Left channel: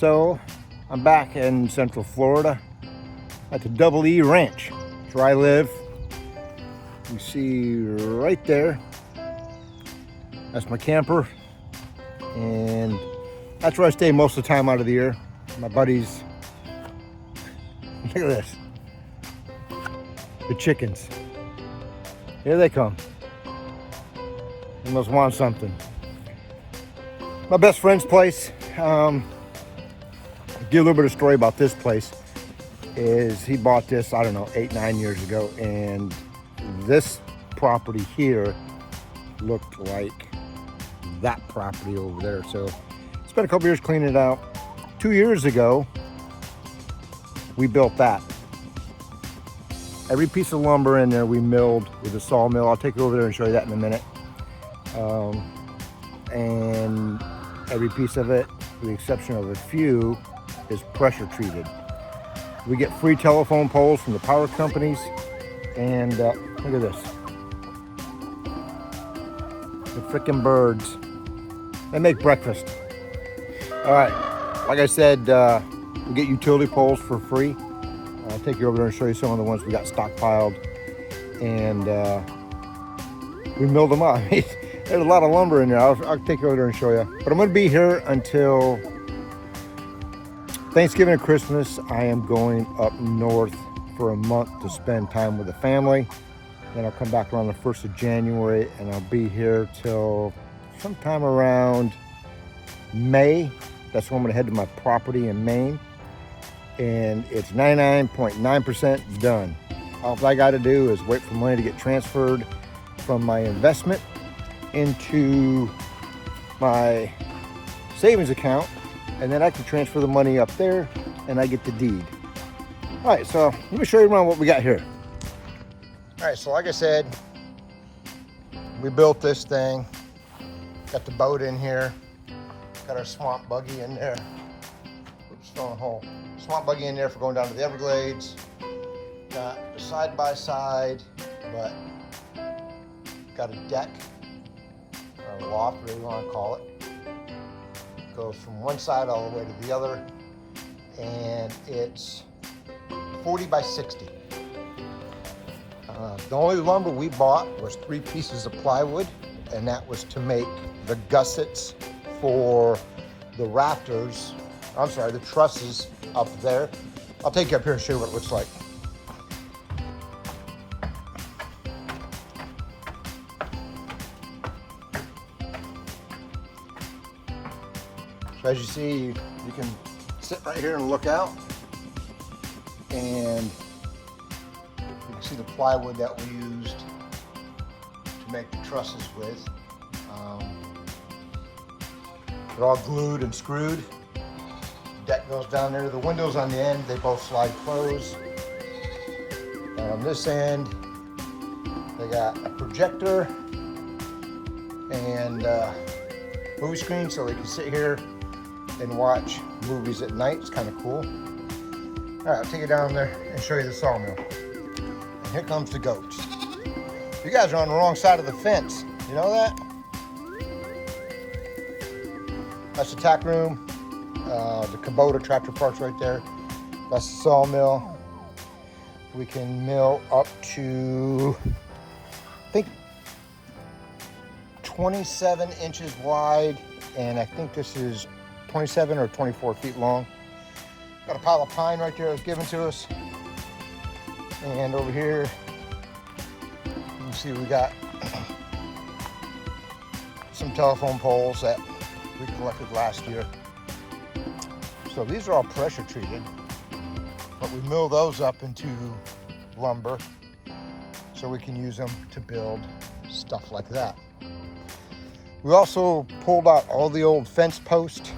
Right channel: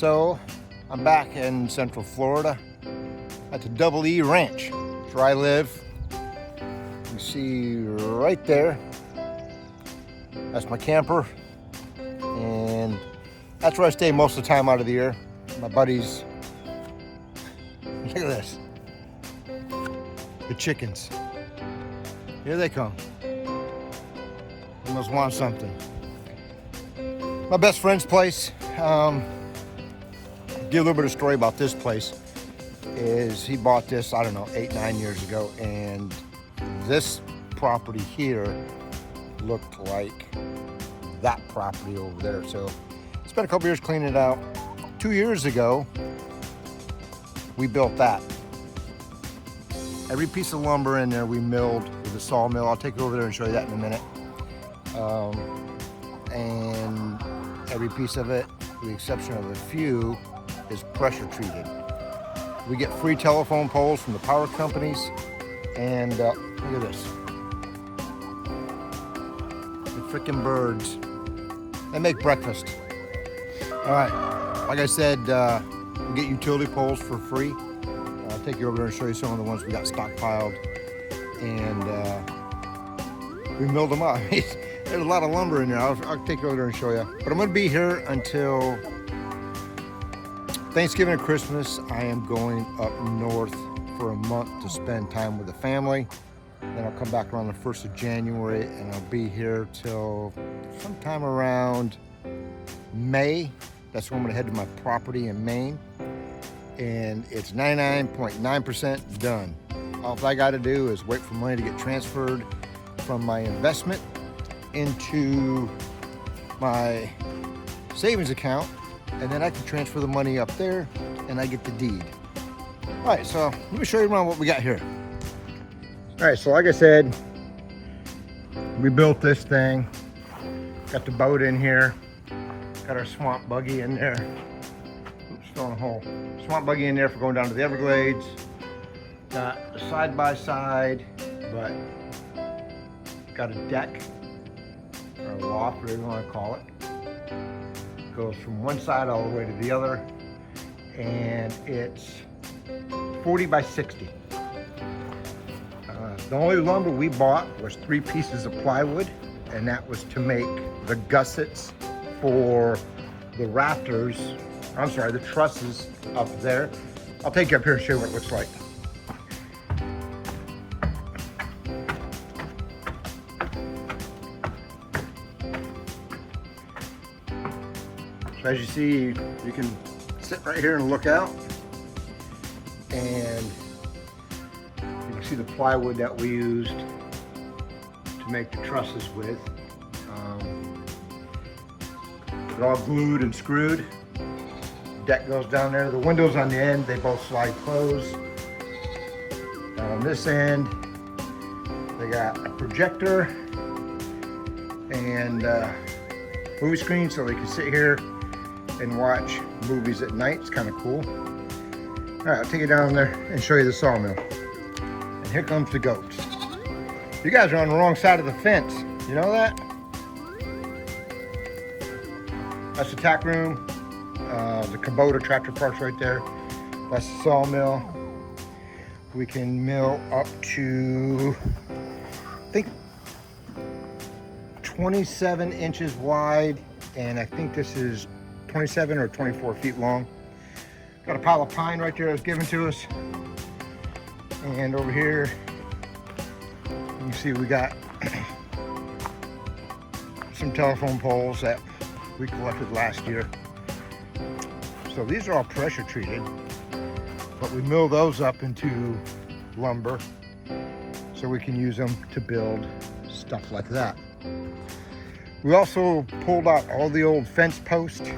So I'm back in Central Florida at the Double E Ranch. That's where I live. You see right there, that's my camper. And that's where I stay most of the time out of the year. My buddies, look at this. The chickens. Here they come. They must want something. My best friend's place. Give a little bit of story about this place. Is he bought this, I don't know, 8-9 years ago, and this property here looked like that property over there. So spent a couple years cleaning it out. 2 years ago, we built that. Every piece of lumber in there we milled with a sawmill. I'll take you over there and show you that in a minute. And every piece of it, with the exception of a few, is pressure treated. We get free telephone poles from the power companies. And look at this. The freaking birds. They make breakfast. All right, like I said, we get utility poles for free. I'll take you over there and show you some of the ones we got stockpiled. And we milled them up. There's a lot of lumber in there. I'll take you over there and show you. But I'm gonna be here until Thanksgiving and Christmas. I am going up north for a month to spend time with the family. Then I'll come back around the 1st of January and I'll be here till sometime around May. That's when I'm gonna head to my property in Maine. And it's 99.9% done. All I gotta do is wait for money to get transferred from my investment into my savings account, and then I can transfer the money up there and I get the deed. All right, so let me show you around what we got here. All right, so like I said, we built this thing. Got the boat in here. Got our swamp buggy in there. Oops, fell in a hole. Swamp buggy in there for going down to the Everglades. Got a side-by-side, but got a deck, or a loft, whatever you want to call it. Goes from one side all the way to the other, and it's 40 by 60. The only lumber we bought was 3 pieces of plywood, and that was to make the gussets for the rafters, I'm sorry, the trusses up there. I'll take you up here and show you what it looks like. So as you see, you can sit right here and look out, and you can see the plywood that we used to make the trusses with. They're all glued and screwed. The deck goes down there. The windows on the end, they both slide closed. And on this end, they got a projector and movie screen so they can sit here and watch movies at night. It's kind of cool. All right, I'll take you down there and show you the sawmill. And here comes the goats. You guys are on the wrong side of the fence. You know that? That's the tack room. The Kubota tractor parts right there. That's the sawmill. We can mill up to, I think, 27 inches wide, and I think this is 27 or 24 feet long. Got a pile of pine right there that's given to us. And over here, you can see we got some telephone poles that we collected last year. So these are all pressure treated, but we mill those up into lumber so we can use them to build stuff like that. We also pulled out all the old fence posts.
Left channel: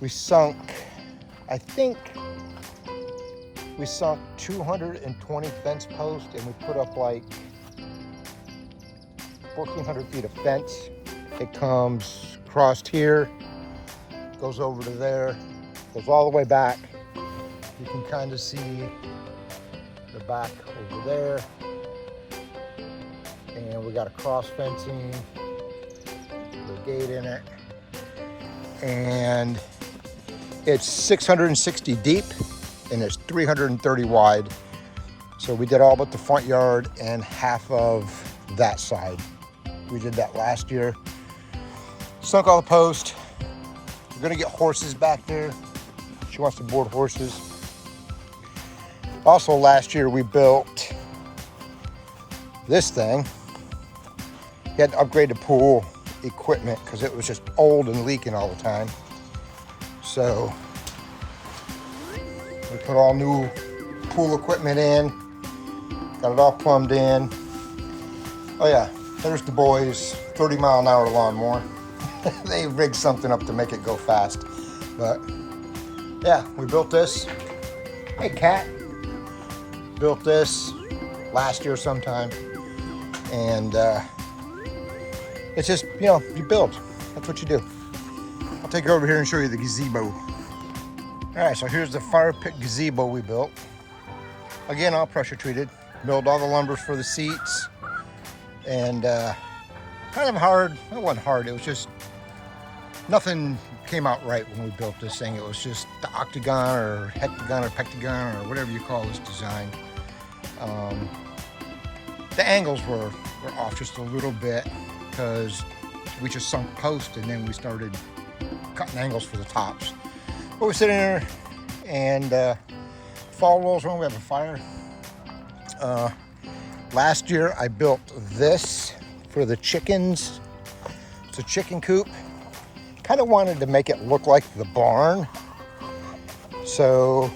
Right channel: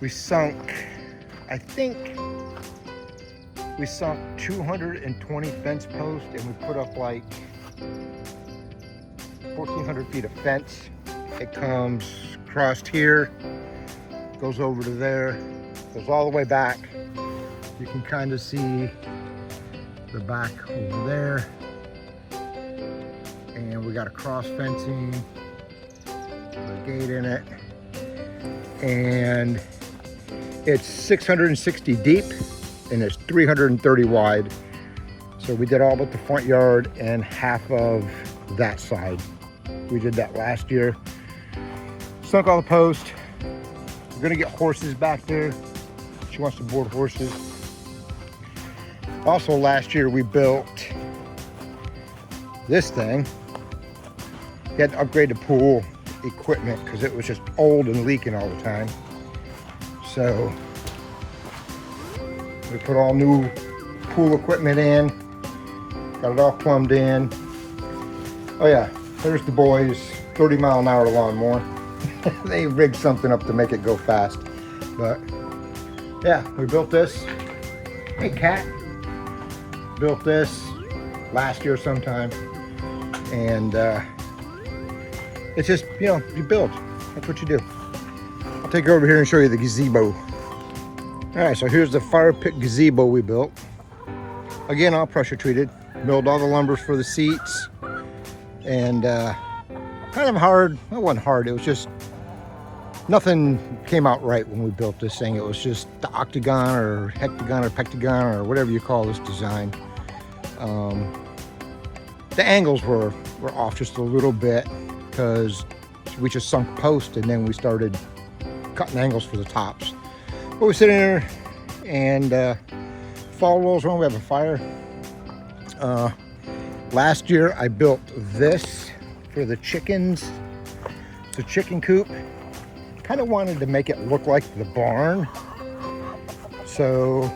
We sunk, I think we sunk 220 fence posts, and we put up like 1,400 feet of fence. It comes crossed here, goes over to there, goes all the way back. You can kind of see the back over there. And we got a cross fencing, with a gate in it. And It's 660 deep and it's 330 wide. So we did all but the front yard and half of that side. We did that last year. Sunk all the posts. We're gonna get horses back there. She wants to board horses. Also last year we built this thing. We had to upgrade the pool equipment because it was just old and leaking all the time. So we put all new pool equipment in, got it all plumbed in. Oh yeah, there's the boys' 30-mile-an-hour lawnmower. They rigged something up to make it go fast. But yeah, we built this. Hey, cat. Built this last year sometime. And it's just, you know, you build. That's what you do. I'll take you over here and show you the gazebo. All right, so here's the fire pit gazebo we built. Again, all pressure treated. Milled all the lumber for the seats. And kind of hard. It wasn't hard. It was just, nothing came out right when we built this thing. It was just the octagon or hectagon or pectagon or whatever you call this design. The angles were off just a little bit because we just sunk post and then we started cutting angles for the tops. But we're sitting there and fall rolls around. We have a fire. Last year I built this for the chickens. It's a chicken coop. Kind of wanted to make it look like the barn. So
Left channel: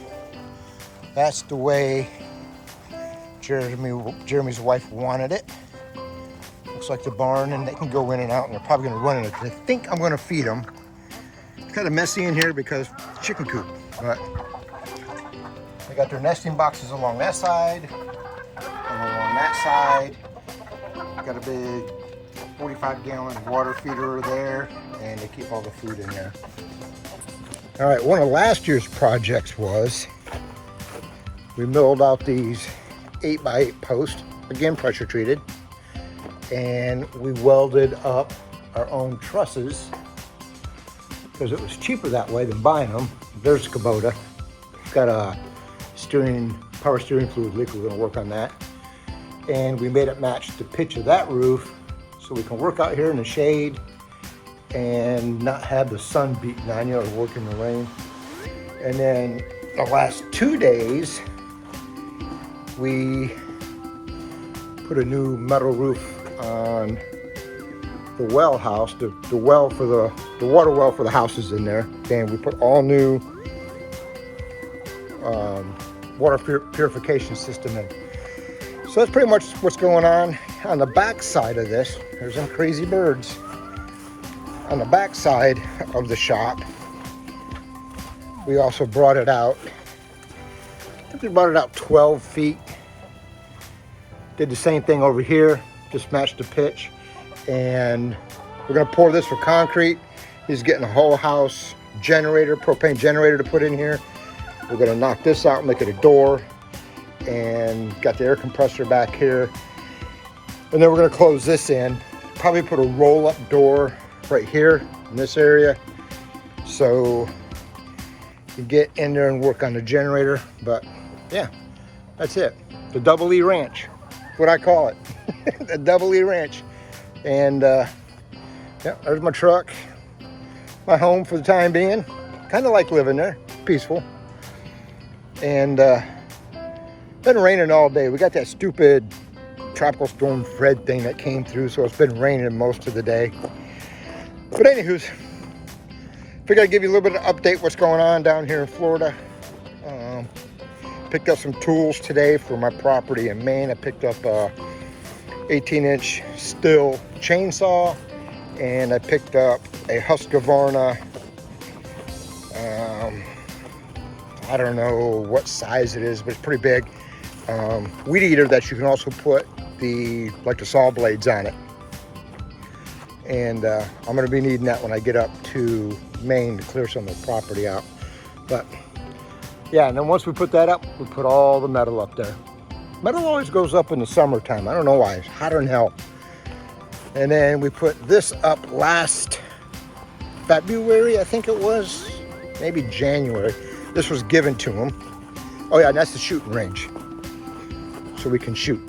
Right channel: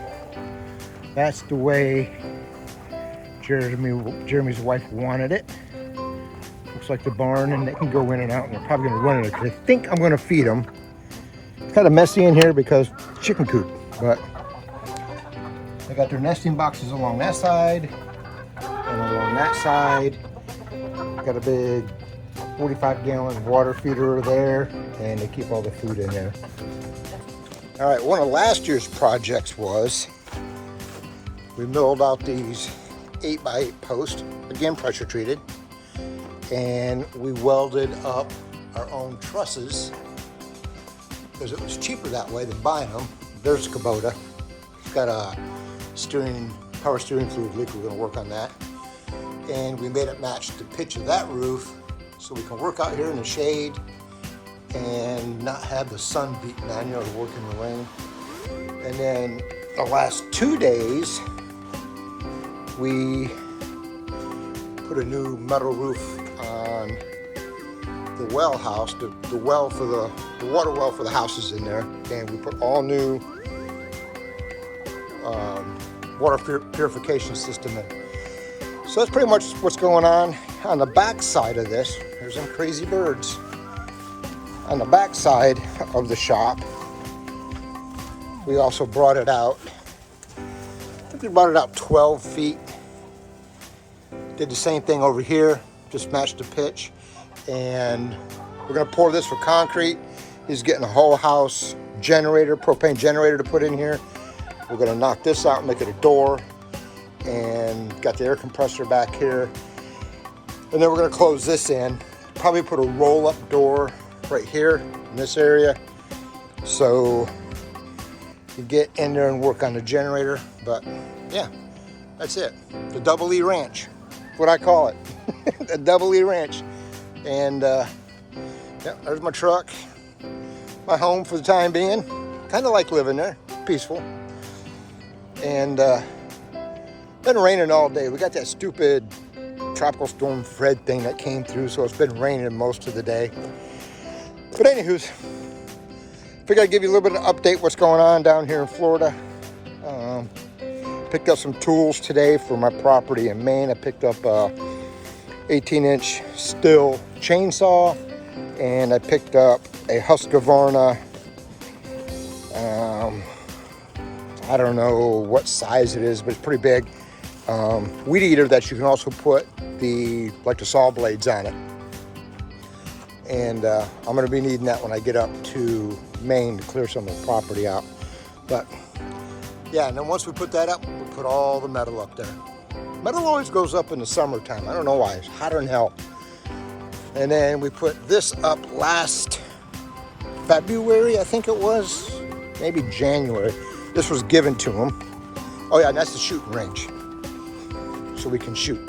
that's the way Jeremy's wife wanted it. Looks like the barn, and they can go in and out, and they're probably gonna run in it. I think I'm gonna feed them. It's kind of messy in here because it's chicken coop, but they got their nesting boxes along that side and along that side. Got a big 45-gallon water feeder there, and they keep all the food in there. All right, one of last year's projects was we milled out these 8x8 posts, again pressure treated, and we welded up our own trusses because it was cheaper that way than buying them. There's Kubota. It's got a power steering fluid leak. We're gonna work on that. And we made it match the pitch of that roof so we can work out here in the shade and not have the sun beating on you or work in the rain. And then the last 2 days, we put a new metal roof on the well house, the well for the water well for the houses in there. And we put all new water purification system in. So that's pretty much what's going on. On the back side of this, there's some crazy birds. On the back side of the shop, we also brought it out. I think we brought it out 12 feet. Did the same thing over here, just matched the pitch. And we're gonna pour this for concrete. He's getting a whole house generator, propane generator to put in here. We're gonna knock this out and make it a door. And got the air compressor back here. And then we're gonna close this in. Probably put a roll-up door right here in this area. So you get in there and work on the generator. But yeah, that's it. The Double E Ranch, that's what I call it. The Double E Ranch. And yeah, there's my truck. My home for the time being. Kind of like living there, peaceful. And been raining all day. We got that stupid tropical storm Fred thing that came through, so it's been raining most of the day. But anywho's, figured I'd give you a little bit of update what's going on down here in Florida. Picked up some tools today for my property in Maine. I picked up a 18-inch Stihl chainsaw, and I picked up a Husqvarna. I don't know what size it is, but it's pretty big. Weed eater that you can also put the saw blades on it. And I'm gonna be needing that when I get up to Maine to clear some of the property out. But yeah, and then once we put that up, we put all the metal up there. Metal always goes up in the summertime. I don't know why, it's hotter than hell. And then we put this up last February, I think it was. maybe January. This was given to him. Oh yeah, and that's the shooting range. So we can shoot.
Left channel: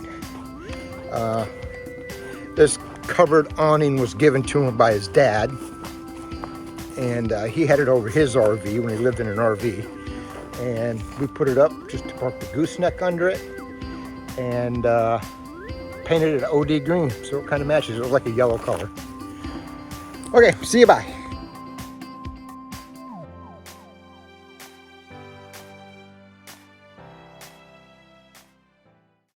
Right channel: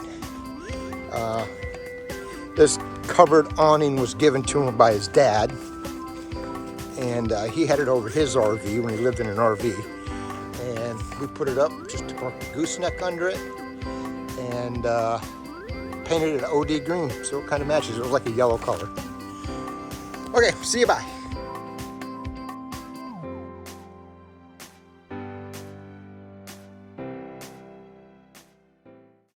This covered awning was given to him by his dad. And he had it over his RV when he lived in an RV. And we put it up just to park the gooseneck under it. And painted it OD green, so it kind of matches. It was like a yellow color. Okay, see you, bye.